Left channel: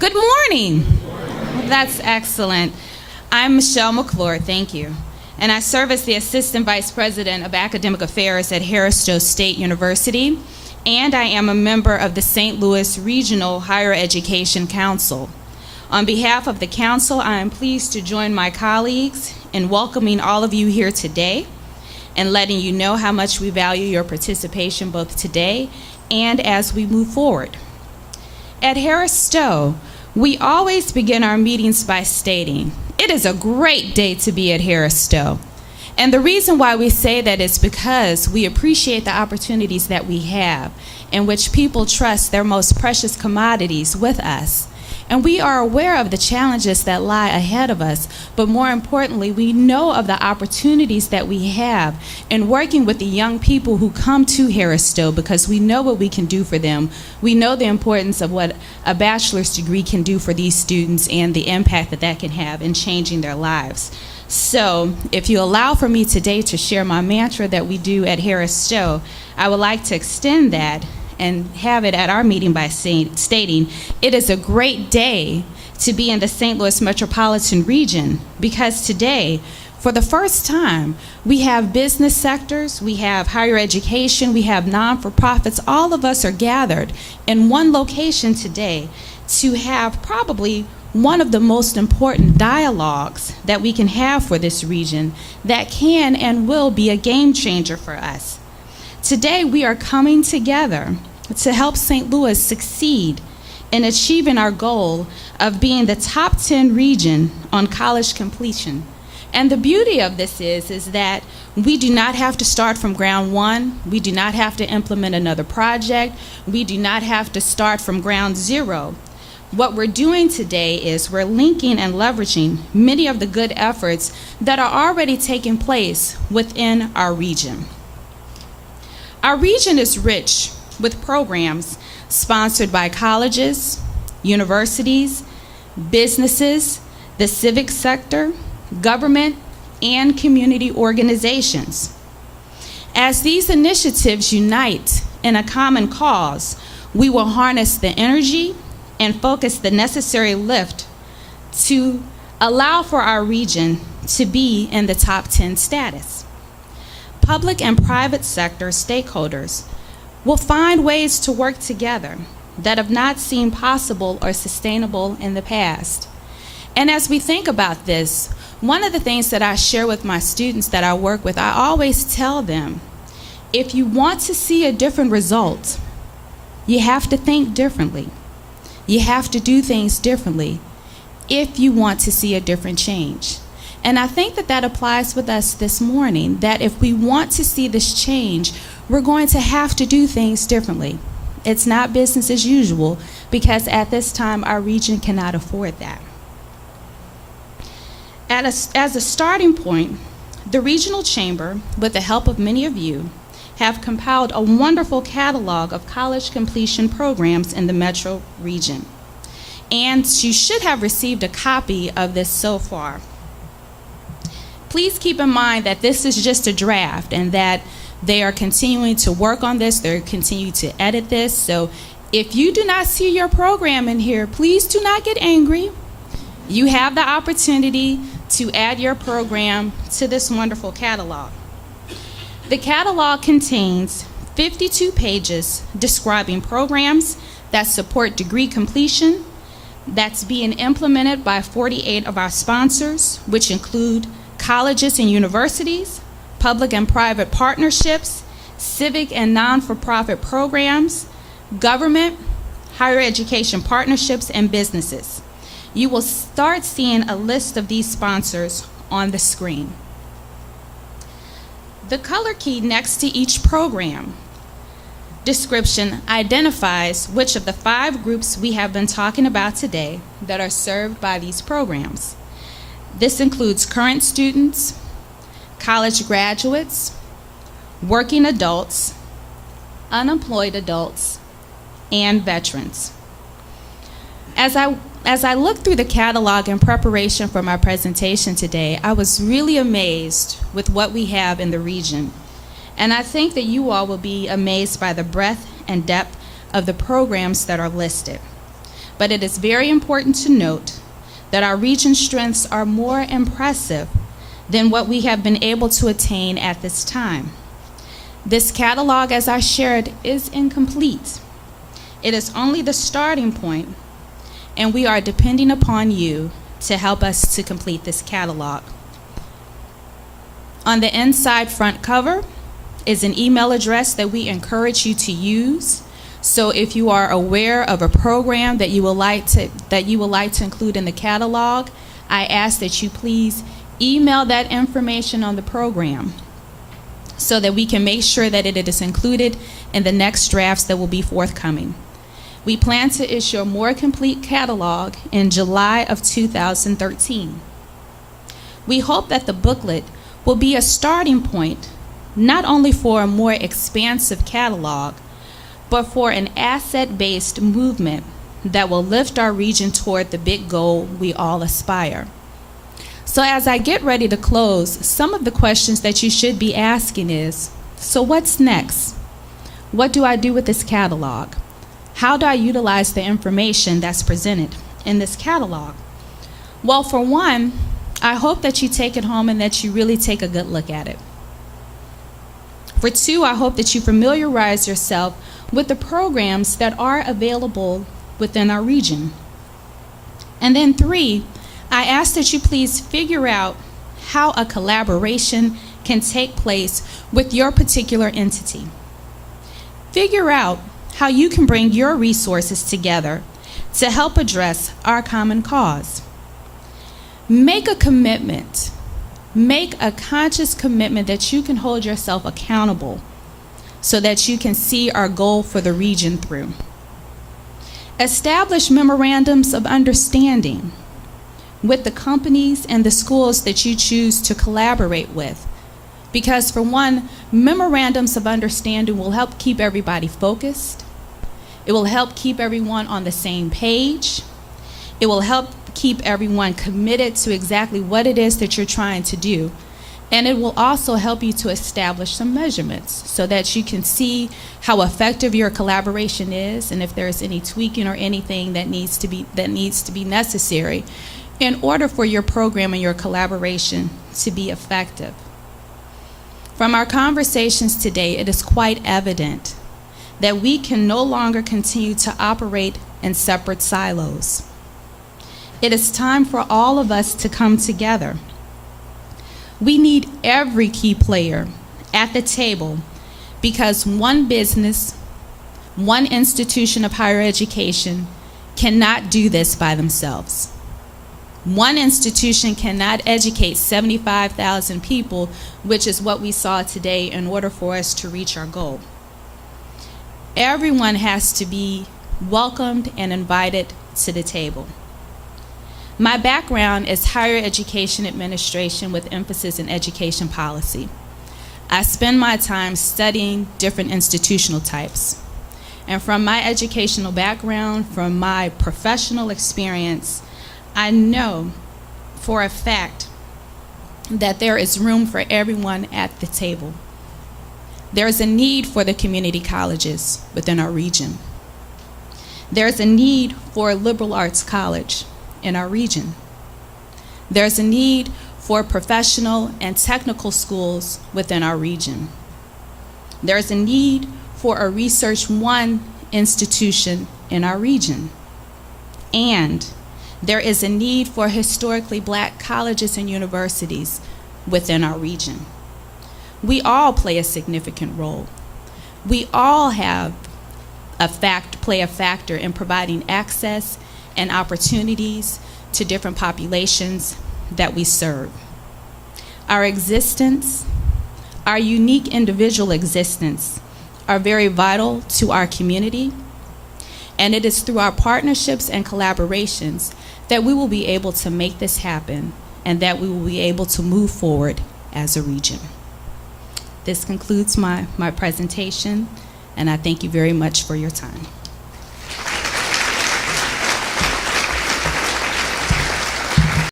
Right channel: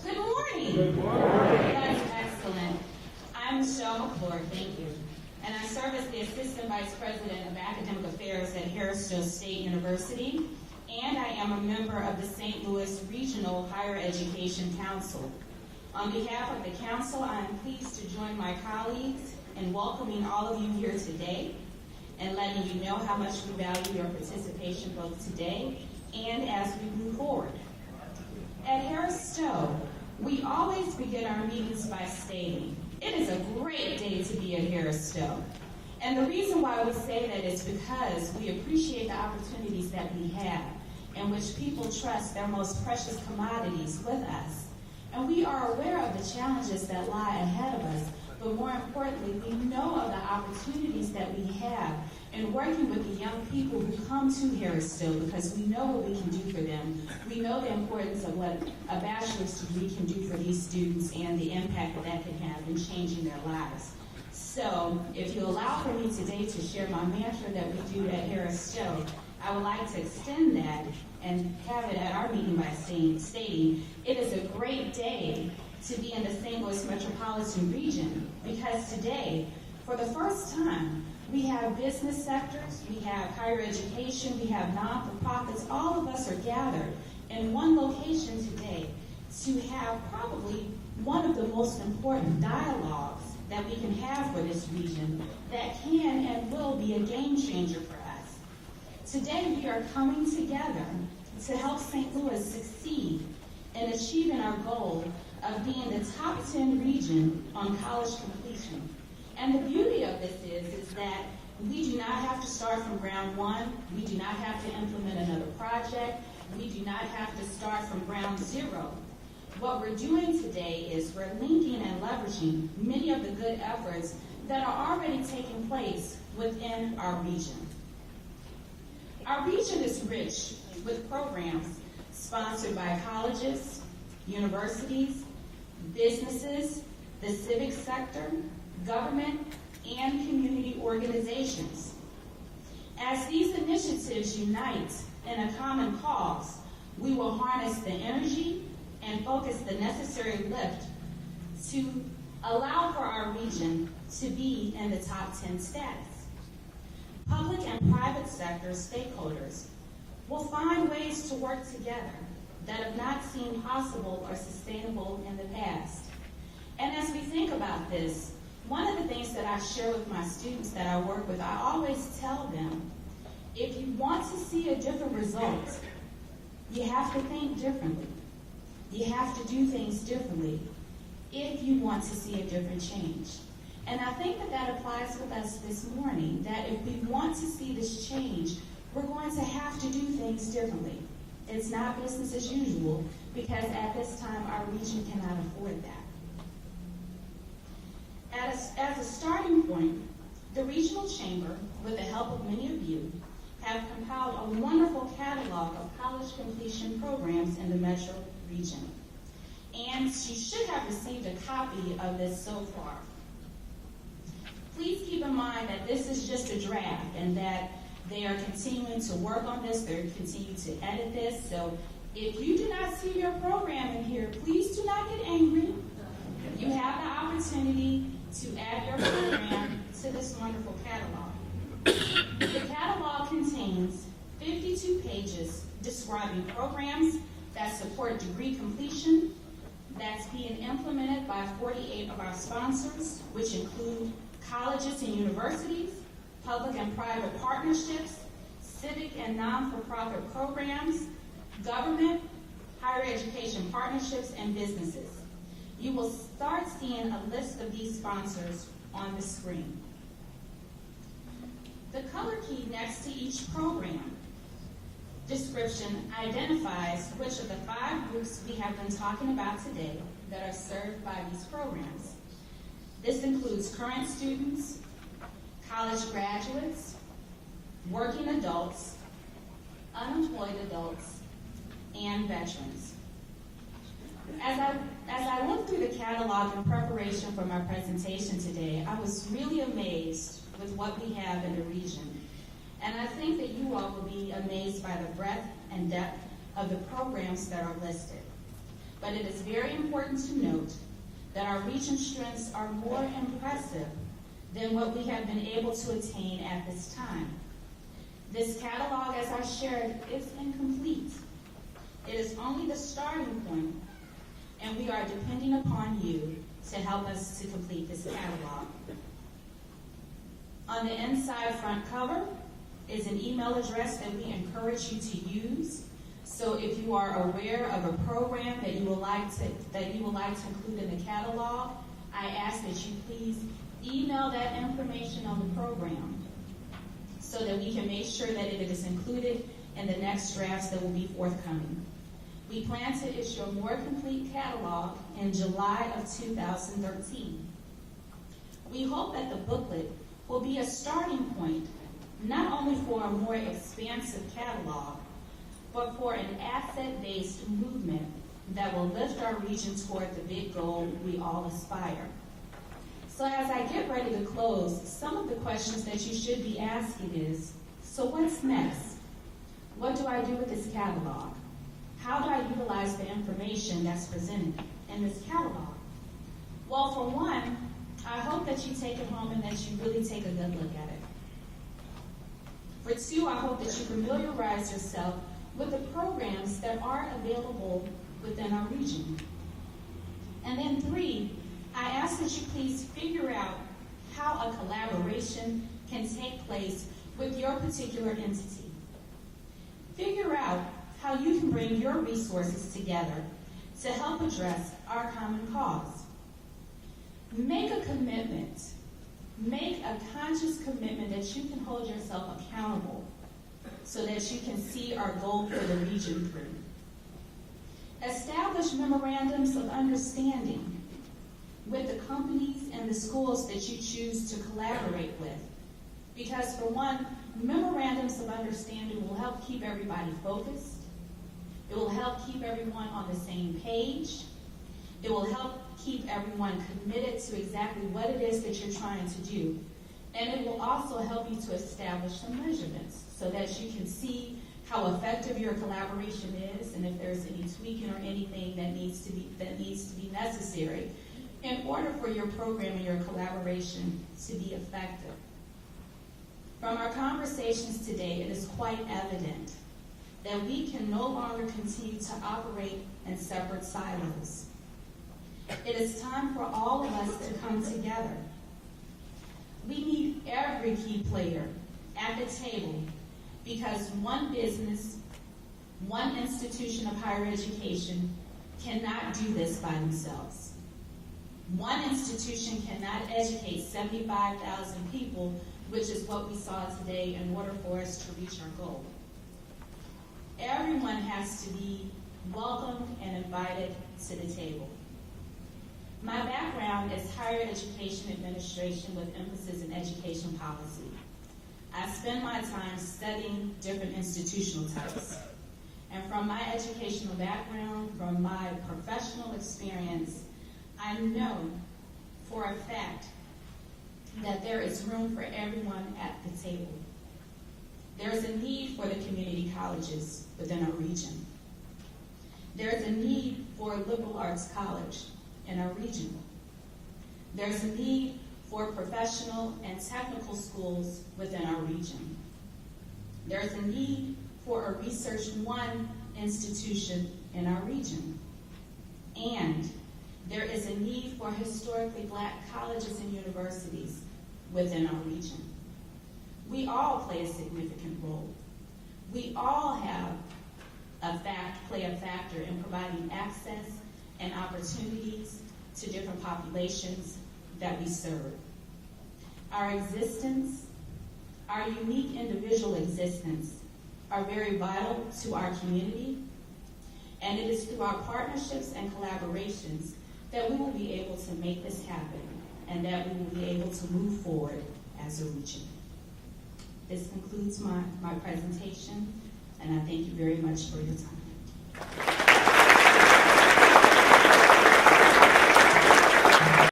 Good morning. That's excellent. I'm McClure, thank you. And I serve as the Assistant Vice President of Academic Affairs at Harris Stowe State University, and I am a member of the St. Louis Regional Higher Education Council. On behalf of the Council, I am pleased to join my colleagues in welcoming all of you here today and letting you know how much we value your participation both today and as we move forward. At Harris Stowe, we always begin our meetings by stating, it is a great day to be at Harris Stowe. And the reason why we say that is because we appreciate the opportunities that we have in which people trust their most precious commodities with us. And we are aware of the challenges that lie ahead of us, but more importantly, we know of the opportunities that we have in working with the young people who come to Harris Stowe because we know what we can do for them. We know the importance of what a bachelor's degree can do for these students and the impact that that can have in changing their lives. So if you allow for me today to share my mantra that we do at Harris Stowe, I would like to extend that and have it at our meeting by stating, it is a great day to be in the St. Louis metropolitan region because today, for the first time, we have business sectors, we have higher education, we have non-for-profits, all of us are gathered in one location today to have probably one of the most important dialogues that we can have for this region that can and will be a game changer for us. Today, we are coming together to help St. Louis succeed in achieving our goal of being the top 10 region on college completion. And the beauty of this is that we do not have to start from ground one. We do not have to implement another project. We do not have to start from ground zero. What we're doing today is we're linking and leveraging many of the good efforts that are already taking place within our region. Our region is rich with programs sponsored by colleges, universities, businesses, the civic sector, government, and community organizations. As these initiatives unite in a common cause, we will harness the energy and focus the necessary lift to allow for our region to be in the top 10 status. Public and private sector stakeholders will find ways to work together that have not seemed possible or sustainable in the past. And as we think about this, one of the things that I share with my students that I work with, I always tell them, if you want to see a different result, you have to think differently. You have to do things differently if you want to see a different change. And I think that that applies with us this morning, that if we want to see this change, we're going to have to do things differently. It's not business as usual because at this time our region cannot afford that. As a starting point, the Regional Chamber, with the help of many of you, have compiled a wonderful catalog of college completion programs in the metro region. And you should have received a copy of this so far. Please keep in mind that this is just a draft and that they are continuing to work on this, they're continuing to edit this. So if you do not see your program in here, please do not get angry. You have the opportunity to add your program to this wonderful catalog. The catalog contains 52 pages describing programs that support degree completion that's being implemented by 48 of our sponsors, which include colleges and universities, public and private partnerships, civic and non-for-profit programs, government, higher education partnerships, and businesses. You will start seeing a list of these sponsors on the screen. The color key next to each program description identifies which of the 5 groups we have been talking about today that are served by these programs. This includes current students, college graduates, working adults, unemployed adults, and veterans. As I looked through the catalog in preparation for my presentation today, I was really amazed with what we have in the region. And I think that you all will be amazed by the breadth and depth of the programs that are listed. but it is very important to note that our region's strengths are more impressive than what we have been able to attain at this time. This catalog, as I shared, is incomplete. It is only the starting point, and we are depending upon you to help us to complete this catalog. On the inside front cover is an email address that we encourage you to use. So if you are aware of a program that you would like to include in the catalog, I ask that you please email that information on the program so that we can make sure that it is included in the next drafts that will be forthcoming. We plan to issue a more complete catalog in July of 2013. We hope that the booklet will be a starting point not only for a more expansive catalog, but for an asset-based movement that will lift our region toward the big goal we all aspire. So as I get ready to close, some of the questions that you should be asking is, so what's next? What do I do with this catalog? How do I utilize the information that's presented in this catalog? Well, for one, I hope that you take it home and that you really take a good look at it. For two, I hope that you familiarize yourself with the programs that are available within our region. And then three, I ask that you please figure out how a collaboration can take place with your particular entity. Figure out how you can bring your resources together to help address our common cause. Make a commitment. Make a conscious commitment that you can hold yourself accountable so that you can see our goal for the region through. Establish memorandums of understanding with the companies and the schools that you choose to collaborate with. Because for one, memorandums of understanding will help keep everybody focused. It will help keep everyone on the same page. It will help keep everyone committed to exactly what it is that you're trying to do. And it will also help you to establish some measurements so that you can see how effective your collaboration is and if there's any tweaking or anything that needs to be necessary in order for your program and your collaboration to be effective. From our conversations today, it is quite evident that we can no longer continue to operate in separate silos. It is time for all of us to come together. We need every key player at the table because one business, one institution of higher education cannot do this by themselves. One institution cannot educate 75,000 people, which is what we saw today, in order for us to reach our goal. Everyone has to be welcomed and invited to the table. My background is higher education administration with emphasis in education policy. I spend my time studying different institutional types. And from my educational background, from my professional experience, I know for a fact that there is room for everyone at the table. There is a need for the community colleges within our region. There is a need for a liberal arts college in our region. There's a need for professional and technical schools within our region. There's a need for a Research One institution in our region. And there is a need for historically Black colleges and universities within our region. We all play a significant role. We all play a factor in providing access and opportunities to different populations that we serve. Our existence, our unique individual existence, are very vital to our community, and it is through our partnerships and collaborations that we will be able to make this happen and that we will be able to move forward as a region. This concludes my presentation, and I thank you very much for your time.